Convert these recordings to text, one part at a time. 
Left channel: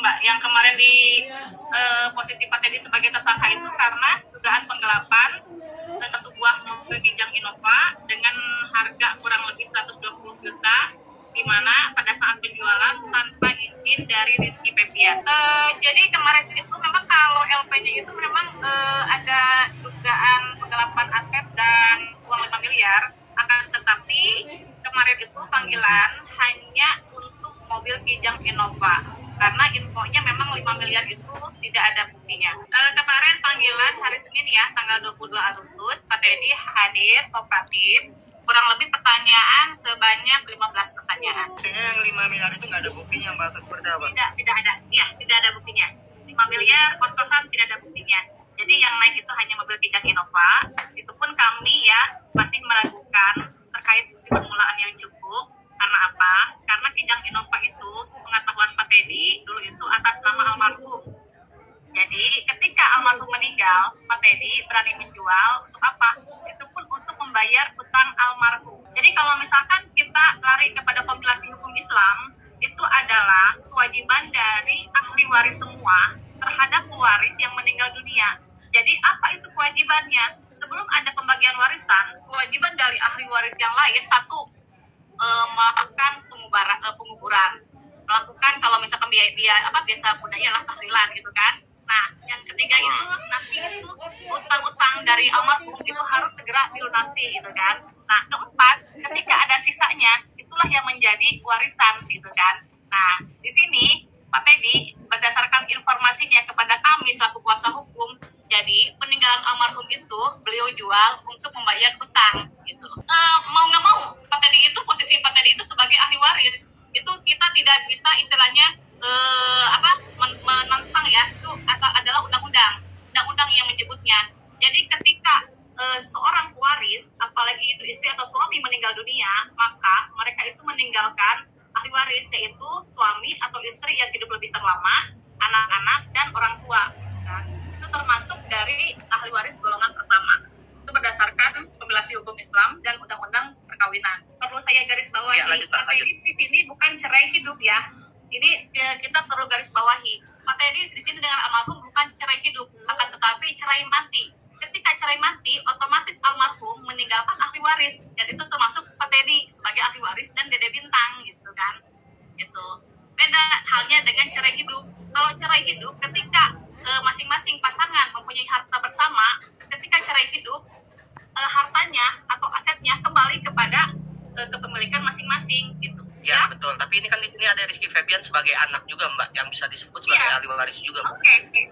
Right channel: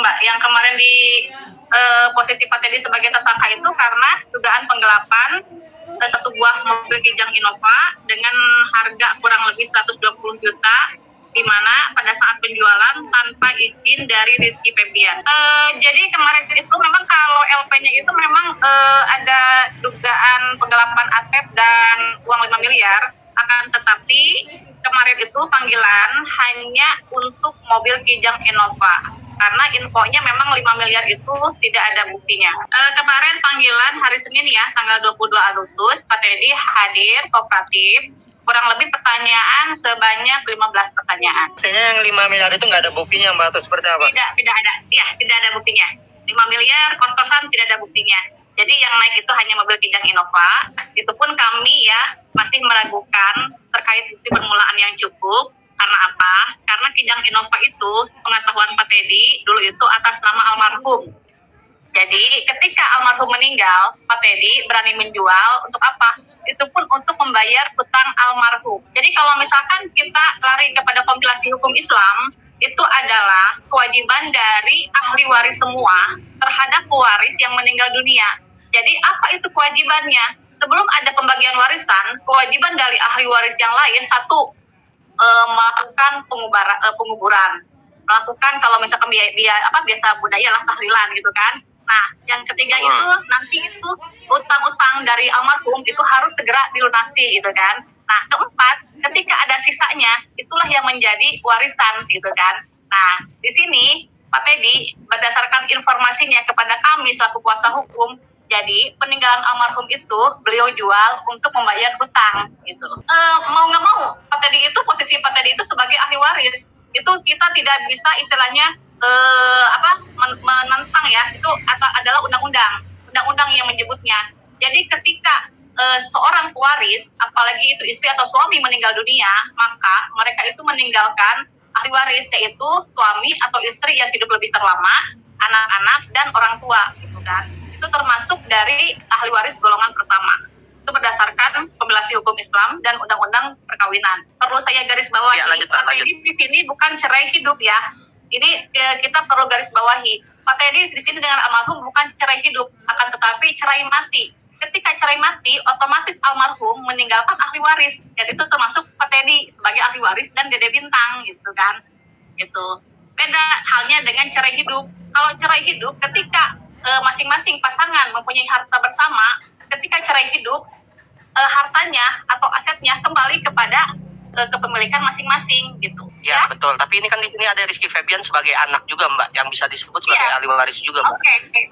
Mbak, yang kemarin di posisi Pak Teddy sebagai tersangka itu karena dugaan penggelapan satu buah mobil Kijang Innova dengan harga kurang lebih 120 juta, di mana pada saat penjualan tanpa izin dari Rizky Febian. Jadi kemarin itu memang kalau LP-nya itu memang ada dugaan penggelapan aset dan uang 5 miliar, akan tetapi kemarin itu panggilan hanya untuk mobil Kijang Innova. Karena infonya memang 5 miliar itu tidak ada buktinya. Kemarin panggilan hari Senin ya, tanggal 22 Agustus, Pak Teddy hadir kooperatif, kurang lebih pertanyaan sebanyak 15 pertanyaan. Artinya yang 5 miliar itu nggak ada buktinya, Mbak, atau seperti apa? Tidak ada. Ya, tidak ada buktinya. 5 miliar kos-kosan tidak ada buktinya. Jadi yang naik itu hanya mobil Kijang Innova. Itu pun kami ya masih meragukan terkait bukti permulaan yang cukup. Karena apa? Karena Kijang Innova itu pengetahuan Pak Teddy dulu itu atas nama almarhum. Jadi ketika almarhum meninggal, Pak Teddy berani menjual untuk apa? Itu pun untuk membayar hutang almarhum. Jadi kalau misalkan kita lari kepada kompilasi hukum Islam, itu adalah kewajiban dari ahli waris semua terhadap pewaris yang meninggal dunia. Jadi apa itu kewajibannya? Sebelum ada pembagian warisan, kewajiban dari ahli waris yang lain, satu, melakukan penguburan, melakukan kalau misalkan biasa budaya lah tahlilan gitu kan. Nah, yang ketiga itu nanti itu utang-utang dari almarhum itu harus segera dilunasi gitu kan. Nah, keempat, ketika ada sisanya itulah yang menjadi warisan gitu kan. Nah, di sini Pak Teddy berdasarkan informasinya kepada kami selaku kuasa hukum, jadi peninggalan almarhum itu beliau jual untuk membayar hutang gitu. Mau nggak mau, Pak Teddy itu posisi Pak Teddy itu sebagai ahli waris itu kita tidak bisa istilahnya menentang ya, itu adalah undang-undang yang menyebutnya. Jadi ketika seorang pewaris, apalagi itu istri atau suami meninggal dunia, maka mereka itu meninggalkan ahli waris, yaitu suami atau istri yang hidup lebih terlama, anak-anak dan orang tua gitu kan. Itu termasuk dari ahli waris golongan pertama. Itu berdasarkan kompilasi hukum Islam dan undang-undang perkawinan. Perlu saya garis bawahi, Pak Teddy di sini bukan cerai hidup ya. Ini kita perlu garis bawahi. Pak Teddy di sini dengan almarhum bukan cerai hidup, akan tetapi cerai mati. Ketika cerai mati, otomatis almarhum meninggalkan ahli waris. Dan itu termasuk Pak Teddy sebagai ahli waris dan Dede Bintang gitu kan. Gitu. Beda halnya dengan cerai hidup. Kalau cerai hidup ketika masing-masing pasangan mempunyai harta bersama, ketika cerai hidup hartanya atau asetnya kembali kepada kepemilikan masing-masing gitu. Ya, betul. Tapi ini kan di sini ada Rizky Febian sebagai anak juga, Mbak, yang bisa disebut sebagai ahli waris juga, Mbak.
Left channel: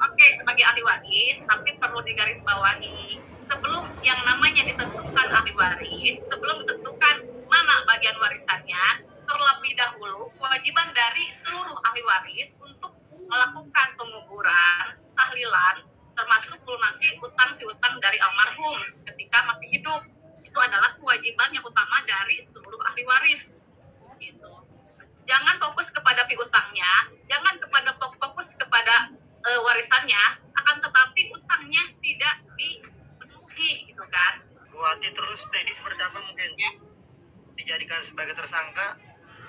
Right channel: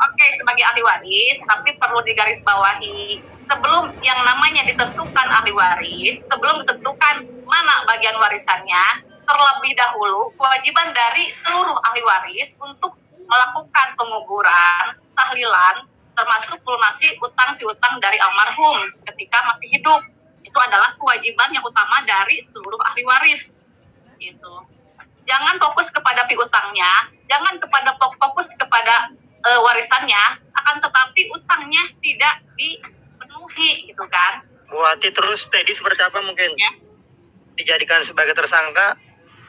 Oke, sebagai ahli waris, tapi perlu digarisbawahi sebelum yang namanya ditentukan ahli waris, sebelum ditentukan mana bagian warisannya, terlebih dahulu kewajiban dari seluruh ahli waris untuk melakukan penguburan, tahlilan, termasuk melunasi utang piutang dari almarhum ketika masih hidup. Itu adalah kewajiban yang utama dari seluruh ahli waris. Gitu. Jangan fokus kepada piutangnya, jangan fokus kepada warisannya, akan tetapi utangnya tidak dipenuhi gitu kan. Bu Ati, terus Teddy seperti apa mungkin? Ya. Dijadikan sebagai tersangka,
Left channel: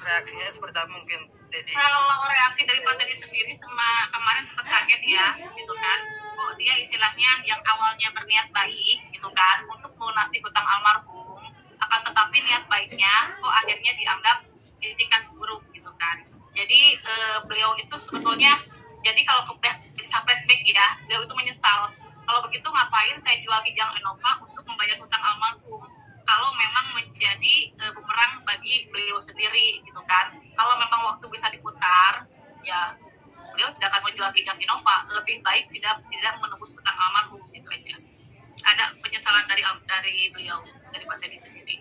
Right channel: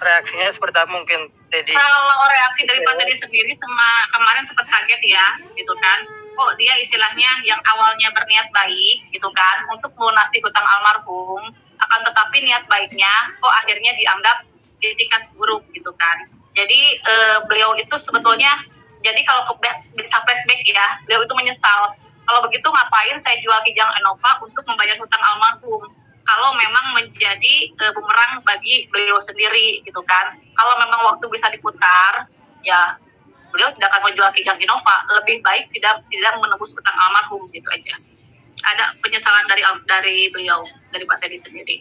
reaksinya seperti apa mungkin Teddy? Kalau reaksi dari Pak Teddy sendiri sama kemarin sempat kaget ya, gitu kan. Kok dia istilahnya yang awalnya berniat baik gitu kan untuk melunasi hutang almarhum, akan tetapi niat baiknya kok akhirnya dianggap itikat buruk gitu kan. Jadi beliau itu sebetulnya, jadi kalau bisa flashback ya, beliau itu menyesal. Kalau begitu ngapain saya jual Kijang Innova untuk membayar hutang almarhum? Kalau memang menjadi bumerang bagi beliau sendiri gitu kan. Kalau memang waktu bisa diputar, ya beliau tidak akan menjual Kijang Innova. Lebih baik tidak menebus hutang almarhum gitu aja. Ada penyesalan dari beliau, dari Pak Teddy sendiri.